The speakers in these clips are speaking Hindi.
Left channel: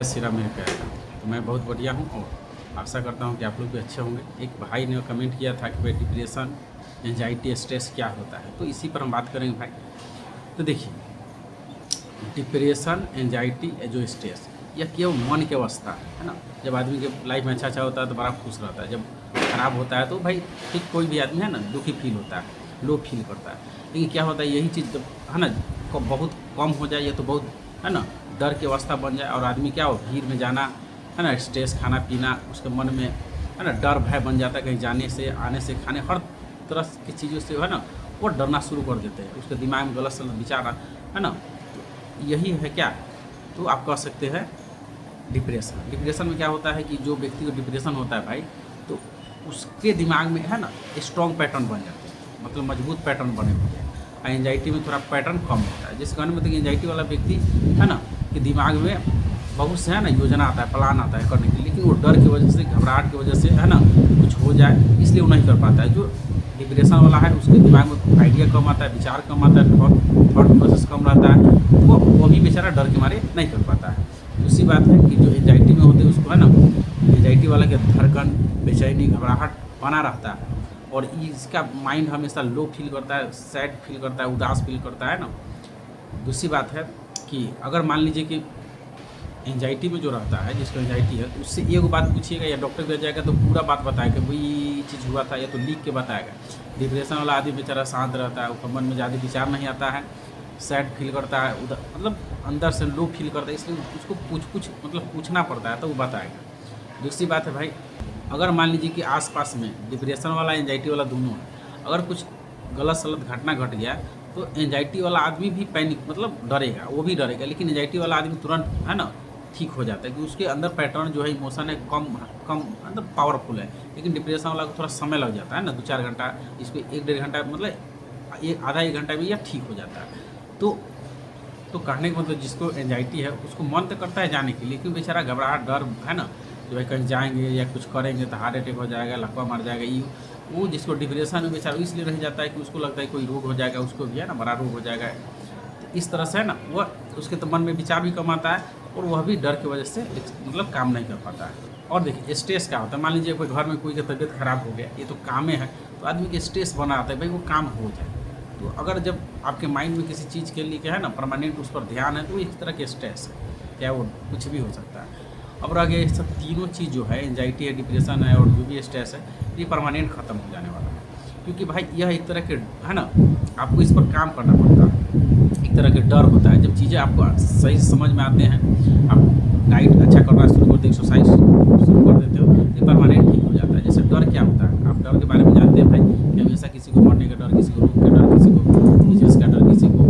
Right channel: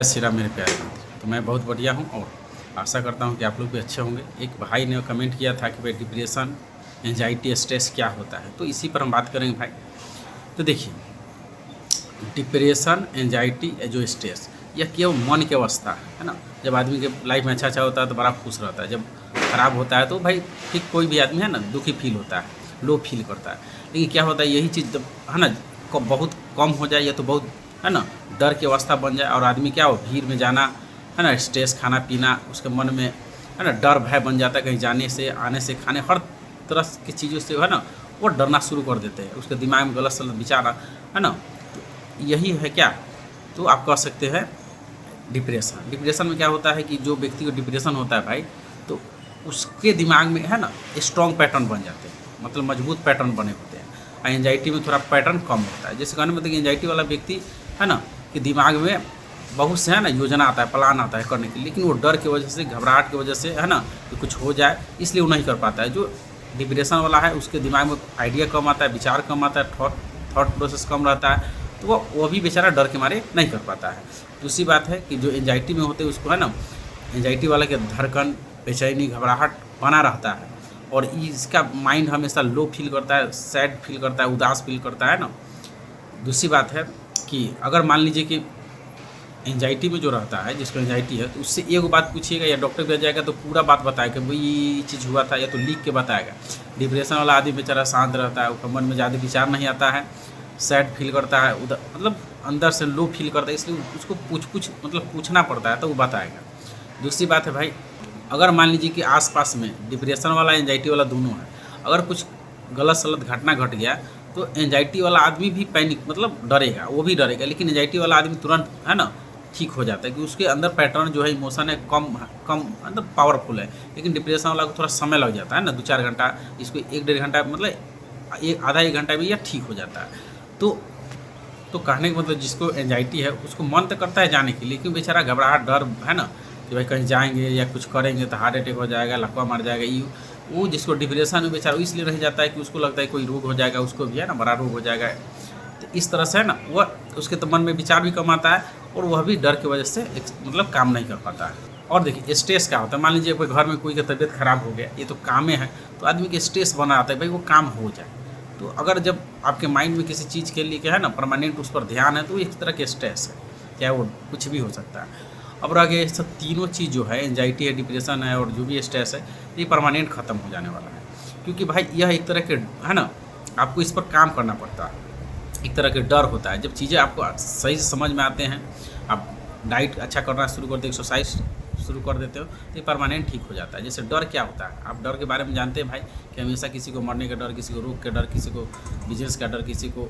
सिरा मेरे प्यारे मित्र, तो मैं बहुत बढ़िया हूँ और आशा करता हूँ कि आप लोग भी अच्छे होंगे। एक भाई ने कमेंट किया था कि भाई डिप्रेशन, एंजाइटी, स्ट्रेस क्या होता है, तो इसी पर हम बात करेंगे भाई। तो देखिए, डिप्रेशन, एंजाइटी, जो स्ट्रेस, यह केवल मन की अवस्था है ना। जब आदमी के लाइफ में अच्छा होता है तो बड़ा खुश रहता है, जब खराब होता है तो भाई ठीक कोई भी आदमी है ना दुखी फील होता है, लो फील करता है। लेकिन क्या होता है, यही चीज़ जब है ना बहुत कम हो जाए या तो बहुत है ना डर की अवस्था बन जाए और आदमी क्या हो भीड़ में जाना है ना, स्ट्रेस, खाना पीना, उसके मन में है ना डर भय बन जाता है, कहीं जाने से, आने से, खाने, हर तरह की चीज़ों से है ना वो डरना शुरू कर देते हैं। उसके दिमाग में गलत सलत विचार है ना, तो यही है क्या, तो आप कह सकते हैं डिप्रेशन। डिप्रेशन में क्या होता है कि जो व्यक्ति को डिप्रेशन होता है भाई, तो उसके दिमाग में है ना स्ट्रॉन्ग पैटर्न बन जाते हैं, मतलब मजबूत पैटर्न बने होते हैं। और एंजाइटी में थोड़ा पैटर्न कम होता है। जैसे कहने में कि एंजाइटी वाला व्यक्ति है ना कि दिमाग में बहुत से है ना योजना आता है, प्लान आता है करने के लिए, लेकिन वो डर की वजह से, घबराहट की वजह से है ना कि कुछ हो जाए, इसलिए वो नहीं कर पाता है। जो डिप्रेशन वाला है उसके दिमाग में आइडिया कम आता है, विचार कम आता है, थॉट प्रोसेस कम रहता है, तो वो भी बेचारा डर के मारे नहीं कर पाता है। दूसरी बात है कि जो एंजाइटी में होते हैं उसको है ना, एंजाइटी वाला के धड़कन, बेचैनी, घबराहट बना रहता है और इसका माइंड हमेशा लो फील करता है, सैड फील करता है, उदास फील करता है ना। दूसरी बात है कि अगर मान लीजिए कि एंजाइटी में जो रहता है, जिसको एंजाइटी है, तो उससे एक बात पूछिएगा या डॉक्टर भी आ जाएगा तो पूरा बात बताएगा, भाई ये चीज़ हुआ था, या तो लिख के बताएगा। डिप्रेशन वाला आदमी बेचारा शांत रहता है, उसका मन में ज़्यादा विचार नहीं आता है, सैड फील करता है, उधर मतलब अंदर से लो फील करता है, इसलिए उसको मतलब पूछना पड़ता है तो वो बताएगा। दूसरी बात है भाई, अगर मान लीजिए कि आसपास में डिप्रेशन वाला एंजाइटी वाला दोनों है, अगर कुछ गलत सलत घटना घट गया तो एंजाइटी वाला आदमी भी पैनिक मतलब डरेगा, वो भी डरेगा, लेकिन एंजाइटी वाला आदमी तुरंत है ना ठीक हो जाता है कि उसके अंदर पैटर्न जो है, इमोशन है, कम कम मतलब पावरफुल है। लेकिन डिप्रेशन वाला को थोड़ा समय लग जाता है ना, 2-4 घंटा, इसको 1-1.5 घंटा, मतलब आधा 1 घंटा में यह ठीक हो जाता है। तो कहने का मतलब जिसको एंजाइटी है उसको मन तो करता है जाने के लिए, लेकिन बेचारा घबराहट, डर है ना कि भाई कहीं जाएंगे या कुछ करेंगे तो हार्ट अटैक हो जाएगा, लकवा मार जाएगा, ये वो जिसको डिप्रेशन में बेचारा इसलिए रह जाता है कि उसको लगता है कोई रोग हो जाएगा, उसको भी है ना बड़ा रोग हो जाएगा। तो इस तरह से है ना वह उसके तो मन में विचार भी कम आता है और वह भी डर की वजह से मतलब काम नहीं कर पाता है। और देखिए स्ट्रेस क्या होता है, मान लीजिए कोई घर में कोई की तबीयत खराब हो गया, ये तो कामे है, तो आदमी के स्ट्रेस बना आता है भाई वो काम हो जाए। तो अगर जब आपके माइंड में किसी चीज़ के लिए क्या है ना परमानेंट उस पर ध्यान है, तो वो एक तरह के स्ट्रेस है, क्या वो कुछ भी हो सकता है। अब रह गए सब तीनों चीज़ जो है, एंजाइटी है, डिप्रेशन है और जो भी स्ट्रेस है, ये परमानेंट ख़त्म हो जाने वाला है, क्योंकि भाई यह एक तरह के है ना आपको इस पर काम करना पड़ता है, एक तरह के डर होता है। जब चीज़ें आपको सही से समझ में आते हैं, आप डाइट अच्छा करना शुरू कर देते, एक्सरसाइज शुरू कर देते हो, तो ये परमानेंट ठीक हो जाता है। जैसे डर क्या होता है, आप डर के बारे में जानते हैं भाई कि हमेशा किसी को मरने का डर, किसी को रोग का डर, किसी को बिजनेस का डर, किसी को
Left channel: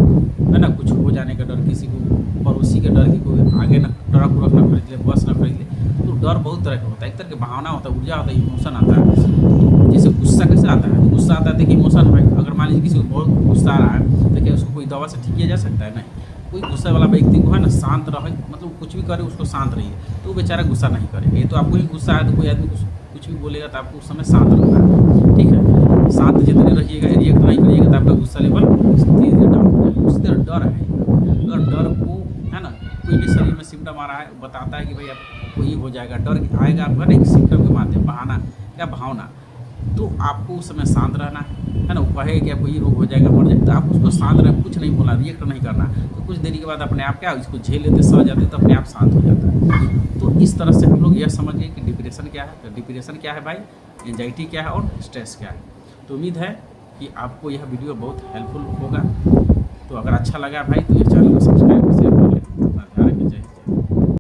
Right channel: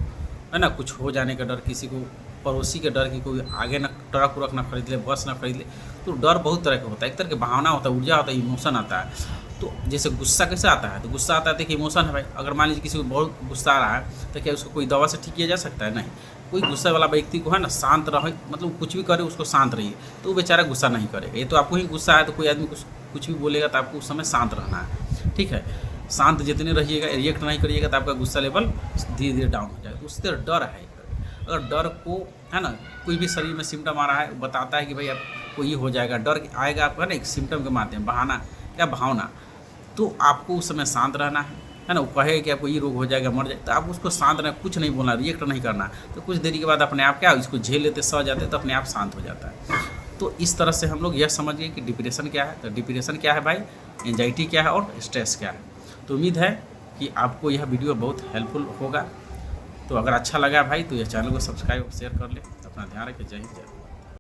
है ना कुछ हो जाने का डर, किसी को पड़ोसी के डर कि कोई आगे ना ट्रक उरक ना खरीद ले, बस ना खरीद ले। तो डर बहुत तरह का होता है, एक तरह की भावना होता है, ऊर्जा होता है, इमोशन आता है। तो जैसे गुस्सा कैसे आता है, तो गुस्सा आता है देखिए इमोशन है भाई। अगर मान लीजिए किसी को बहुत गुस्सा आ रहा है तो क्या उसको कोई दवा से ठीक किया जा सकता है? नहीं। कोई गुस्से वाला व्यक्ति को है ना शांत रहे, मतलब कुछ भी करे उसको शांत रहिए, तो वो बेचारा गुस्सा नहीं करेगा। ये तो आपको ही गुस्सा है तो कोई आदमी कुछ भी बोलेगा तो आपको उस समय शांत रहना है, ठीक है। शांत जितने रहिएगा, रिएक्ट नहीं करिएगा, तो आपका गुस्सा लेवल धीरे धीरे डाउन हो जाएगा। उससे डर है, अगर डर को है ना कोई भी शरीर में सिम्टम आ रहा है, बताता है कि भाई आपको ये हो जाएगा, डर आएगा आपका ना एक सिम्टम के माध्यम, बहाना या भावना, तो आपको उस समय शांत रहना है ना। वो कहे कि आपको ये रोग हो जाएगा, मर जाए, तो आप उसको शांत रहना, कुछ नहीं बोलना, रिएक्ट नहीं करना। तो कुछ देरी के बाद अपने आप क्या इसको झेल लेते, सह जाते, तो अपने आप शांत हो जाता है। तो इस तरह से हम लोग यह समझ गए कि डिप्रेशन क्या है। तो डिप्रेशन क्या है भाई, एंजाइटी क्या है और स्ट्रेस क्या है। तो उम्मीद है कि आपको यह वीडियो बहुत हेल्पफुल होगा। तो अगर अच्छा लगा भाई तो यह चैनल को सब्सक्राइब शेयर कर ले। अपना ध्यान